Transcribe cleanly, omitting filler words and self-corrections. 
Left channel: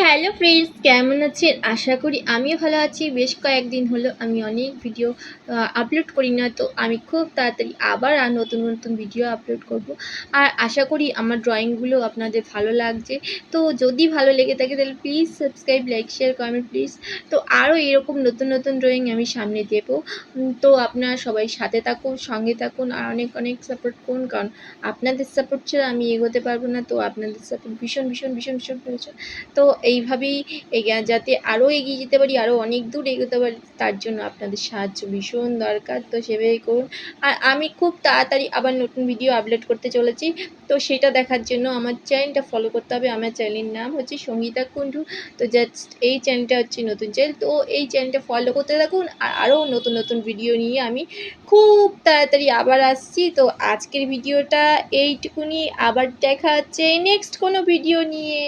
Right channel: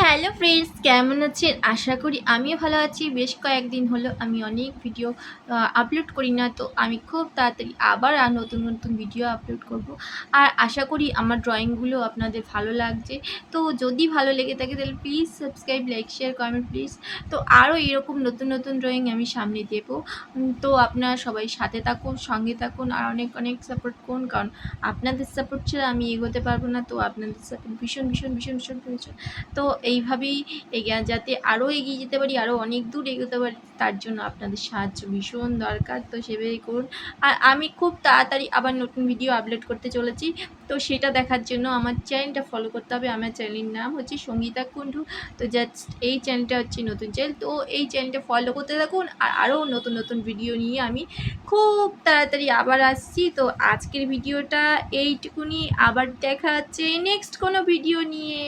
Hello friends, কেমন আছেন? আশা করি আমিও ভালো আছি। বেশ কয়েকদিন হলো আমি অনেক ভিডিও আপলোড করি না, তো আমি খুব তাড়াতাড়ি আবার নতুন নতুন ভিডিও আপলোড করব। আর আশা করি আমার ড্রয়িংগুলো আপনাদের ভালো লাগছে। তো যদি ভালো লেগে থাকে তাহলে please subscribe, like, share, comment please. তো আরও এরকম নতুন নতুন ড্রয়িং আমি সামনে দেবো। তো আপনারা সবাই সাথে থাকুন, সঙ্গে থাকুন, আর অনেক অনেক সাপোর্ট করুন, কারণ আপনাদের সাপোর্ট ছাড়া আমি এগোতে পারবো না। তো আপনাদের সাপোর্ট ভীষণ ভীষণ ভীষণ ভীষণ প্রয়োজন। তো এইভাবেই যাতে আরও এগিয়ে যেতে পারি, আরও অনেক দূর এগোতে পারি, তার জন্য আপনাদের সাহায্য ভীষণ দরকার। তো সেভাবেই করুন। আর আমি খুব তাড়াতাড়ি আবার নতুন ভিডিও আপলোড করতে চলেছি। তো সেটা দেখার জন্য আমার চ্যানেলটা ফলো করতে হবে। আমার চ্যানেলের নাম হচ্ছে সঙ্গীতা কুণ্ডু। তো জাস্ট এই চ্যানেলটা হচ্ছে নতুন চ্যানেল। তো এই চ্যানেলটা ফলো করতে থাকুন, আর আরও নতুন নতুন ভিডিও নিয়ে আমি খুব তাড়াতাড়ি আবার আসছি। তো আজকের ভিডিওটা এইটুকুনি, আবার দেখা হচ্ছে নেক্সট কোনো ভিডিও নিয়ে।